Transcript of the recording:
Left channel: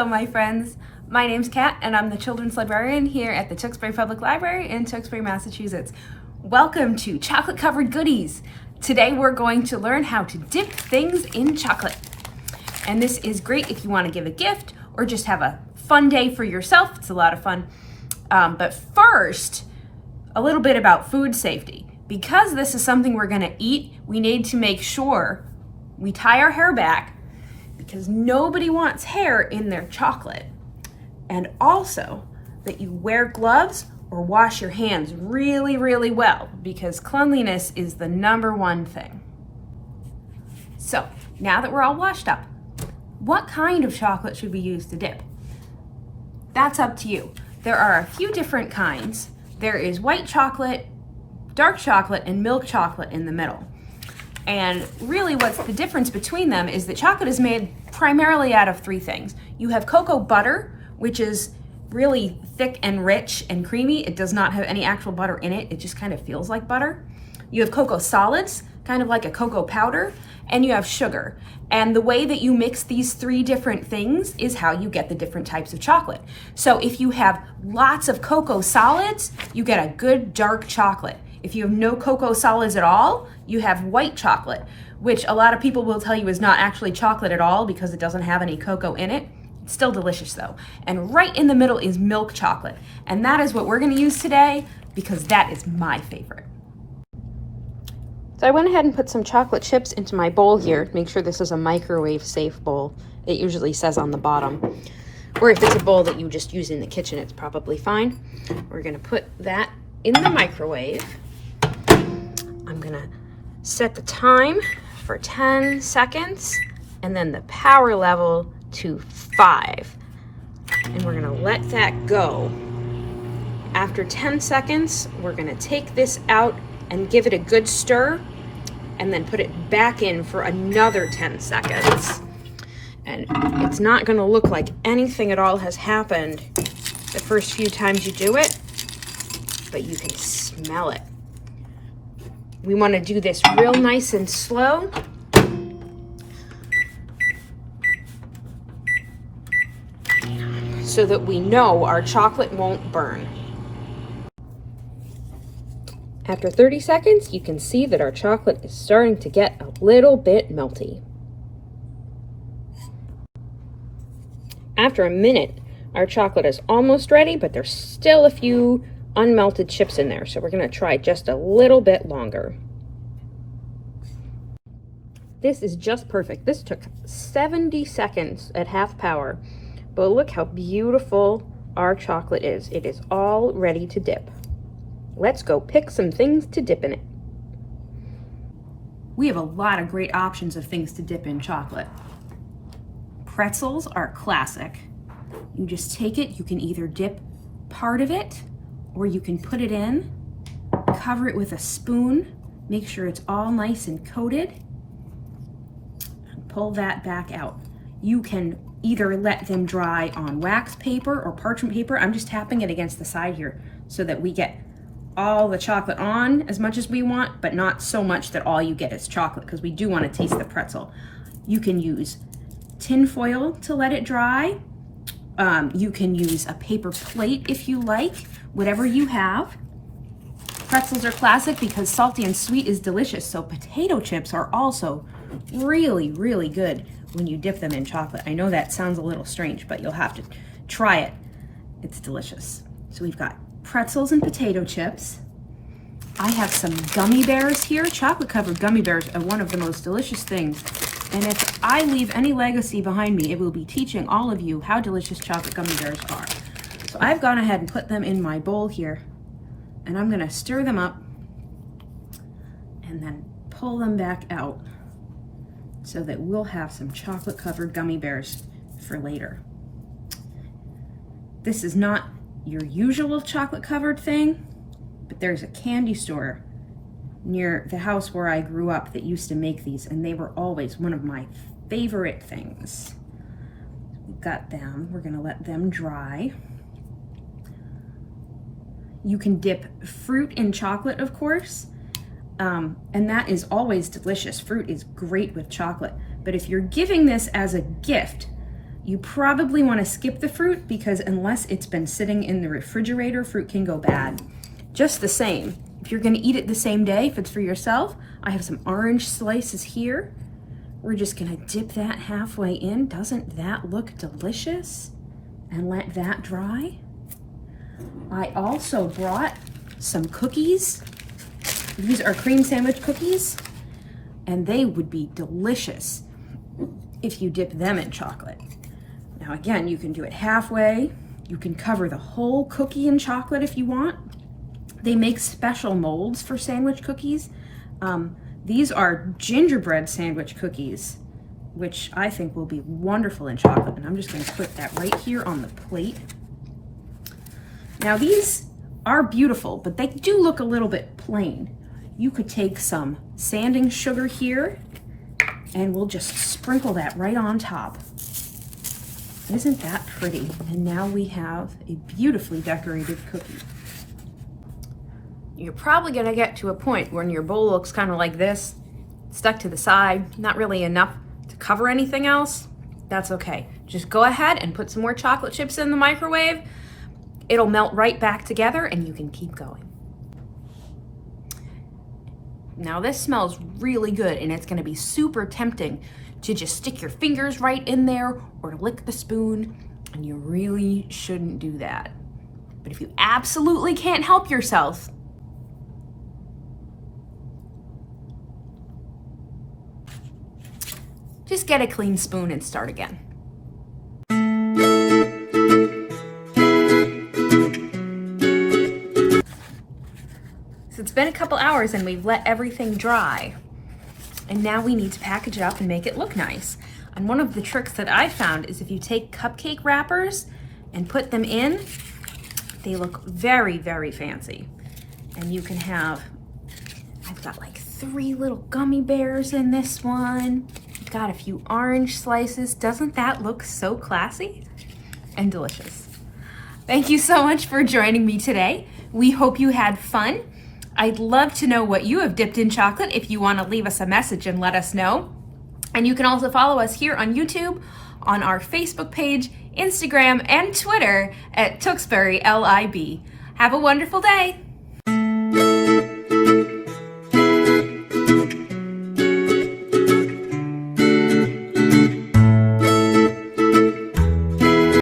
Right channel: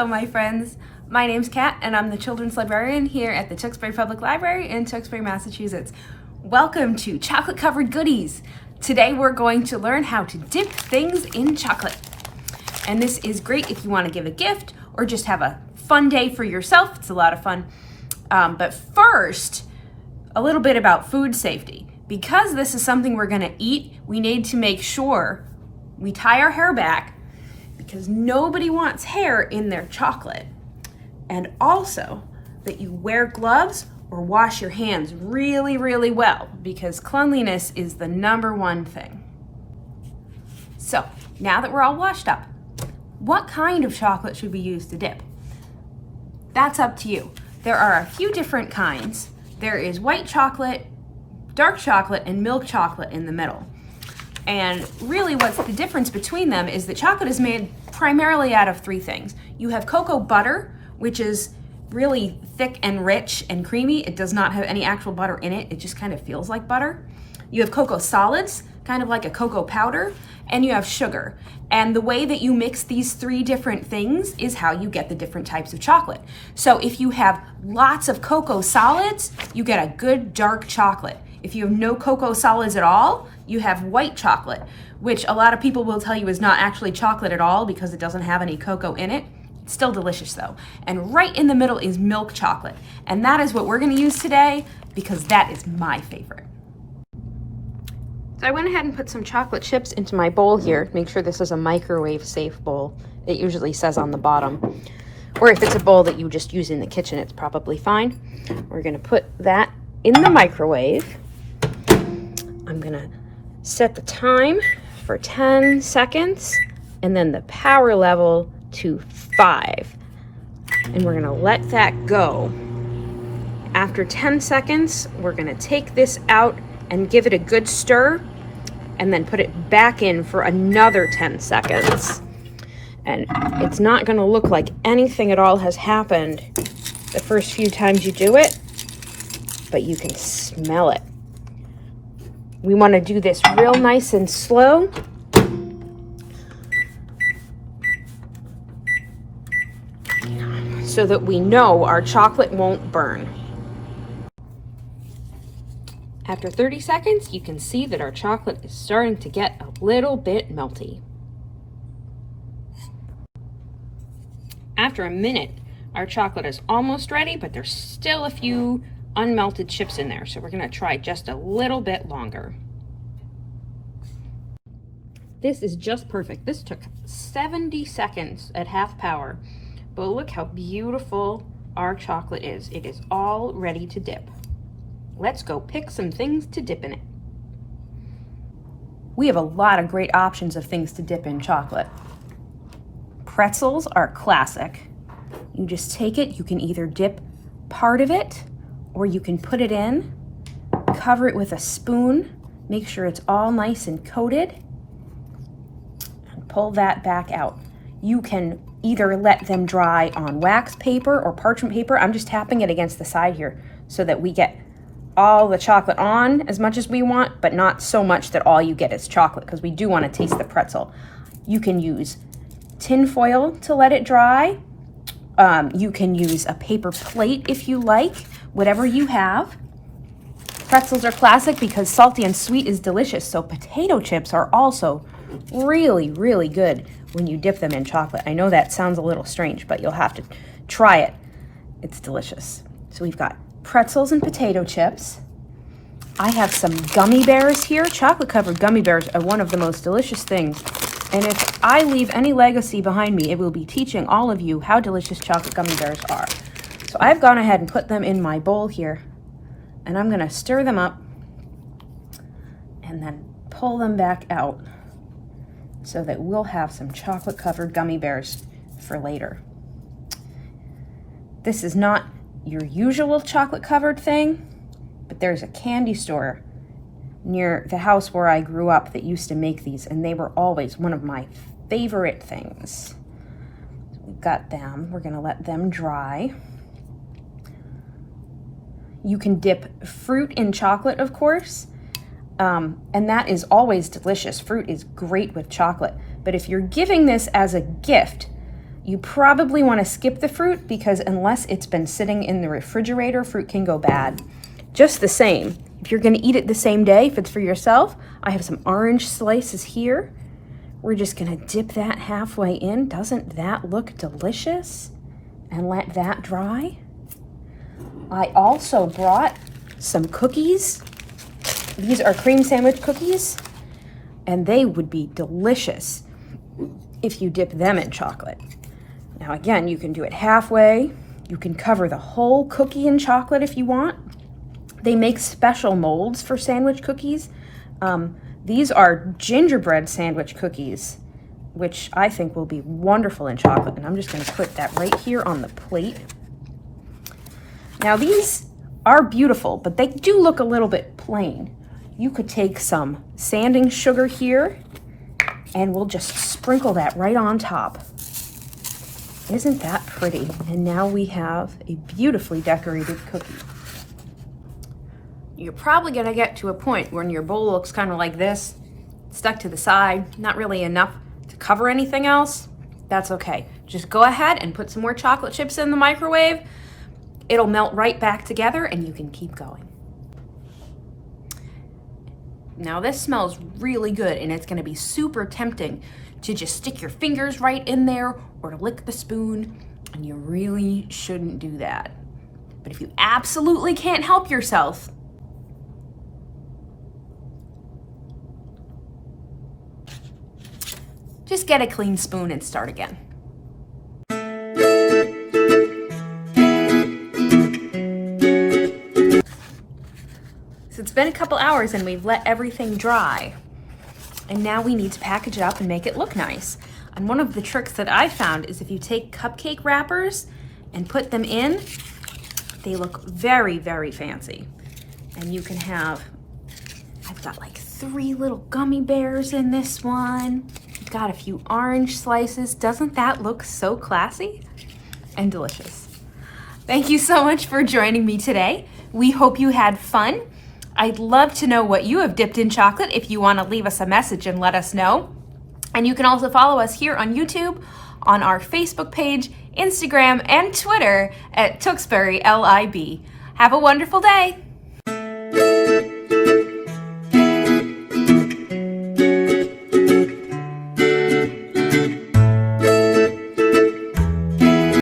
Hello, my friends. My name's Kat, and I'm the children's librarian here at the Tewksbury Public Library in Tewksbury, Massachusetts. Welcome to Chocolate Covered Goodies. Today we're going to learn how to dip things in chocolate. And this is great if you want to give a gift or just have a fun day for yourself. It's a lot of fun. But first, a little bit about food safety. Because this is something we're going to eat, we need to make sure we tie our hair back, because nobody wants hair in their chocolate. And also that you wear gloves or wash your hands really, really well, because cleanliness is the #1 thing. So now that we're all washed up, what kind of chocolate should we use to dip? That's up to you. There are a few different kinds. There is white chocolate, dark chocolate, and milk chocolate in the middle. And really what's the difference between them is that chocolate is made primarily out of 3 things. You have cocoa butter, which is really thick and rich and creamy. It does not have any actual butter in it. It just kind of feels like butter. You have cocoa solids, kind of like a cocoa powder, and you have sugar. And the way that you mix these 3 different things is how you get the different types of chocolate. So if you have lots of cocoa solids, you get a good dark chocolate. If you have no cocoa solids at all, you have white chocolate, which a lot of people will tell you is not actually chocolate at all because it doesn't have any cocoa in it. It's still delicious though. And right in the middle is milk chocolate. And that is what we're gonna use today because that is my favorite. So I went ahead and put some chocolate chips into my bowl here. Make sure this is a microwave safe bowl. It usually says on the bottom. Or if it's a bowl that you just use in the kitchen, it's probably fine. We're gonna put that in the microwave. I'm gonna set the time for 10 seconds and then the power level to 5. And we're gonna let that go. After 10 seconds, we're gonna take this out and give it a good stir and then put it back in for another 10 seconds. And it's not gonna look like anything at all has happened the first few times you do it, but you can smell it. We want to do this real nice and slow. So that we know our chocolate won't burn. After 30 seconds, you can see that our chocolate is starting to get a little bit melty. After a minute, our chocolate is almost ready, but there's still a few unmelted chips in there, so we're going to try just a little bit longer. This is just perfect. This took 70 seconds at half power, but look how beautiful our chocolate is. It is all ready to dip. Let's go pick some things to dip in it. We have a lot of great options of things to dip in chocolate. Pretzels are classic. You just take it, you can either dip part of it or you can put it in, cover it with a spoon, make sure it's all nice and coated, and pull that back out. You can either let them dry on wax paper or parchment paper. I'm just tapping it against the side here so that we get all the chocolate on as much as we want, but not so much that all you get is chocolate, because we do want to taste the pretzel. You can use tin foil to let it dry. You can use a paper plate if you like, whatever you have. Pretzels are classic because salty and sweet is delicious, so potato chips are also really, really good when you dip them in chocolate. I know that sounds a little strange, but you'll have to try it. It's delicious. So we've got pretzels and potato chips. I have some gummy bears here. Chocolate covered gummy bears are one of the most delicious things. And if I leave any legacy behind me, it will be teaching all of you how delicious chocolate gummy bears are. So I've gone ahead and put them in my bowl here, and I'm gonna stir them up and then pull them back out so that we'll have some chocolate covered gummy bears for later. This is not your usual chocolate covered thing, but there's a candy store near the house where I grew up that used to make these, and they were always one of my favorite things. We've got them. We're gonna let them dry. You can dip fruit in chocolate, of course, and that is always delicious. Fruit is great with chocolate, but if you're giving this as a gift, You probably want to skip the fruit because unless it's been sitting in the refrigerator, fruit can go bad. Just the same, if you're going to eat it the same day, if it's for yourself, I have some orange slices here. We're just going to dip that halfway in. Doesn't that look delicious? And let that dry. I also brought some cookies. These are cream sandwich cookies, and they would be delicious if you dip them in chocolate. Now again, you can do it halfway. You can cover the whole cookie in chocolate if you want. They make special molds for sandwich cookies. These are gingerbread sandwich cookies, which I think will be wonderful in chocolate. And I'm just going to put that right here on the plate. Now these are beautiful, but they do look a little bit plain. You could take some sanding sugar here, and we'll just sprinkle that right on top. Isn't that pretty? And now we have a beautifully decorated cookie. You're probably gonna get to a point when your bowl looks kind of like this, stuck to the side, not really enough to cover anything else. That's okay. Just go ahead and put some more chocolate chips in the microwave. It'll melt right back together and you can keep going. Now this smells really good, and it's gonna be super tempting to just stick your fingers right in there or to lick the spoon, and you really shouldn't do that. But if you absolutely can't help yourself, just get a clean spoon and start again. So it's been a couple hours and we've let everything dry. And now we need to package it up and make it look nice. And one of the tricks that I found is if you take cupcake wrappers and put them in, they look very, very fancy. And you can have, I've got like 3 little gummy bears in this one. I've got a few orange slices. Doesn't that look so classy and delicious? Thank you so much for joining me today. We hope you had fun. I'd love to know what you have dipped in chocolate if you want to leave us a message and let us know. And you can also follow us here on YouTube, on our Facebook page, Instagram, and Twitter at Tewksbury LIB. Have a wonderful day.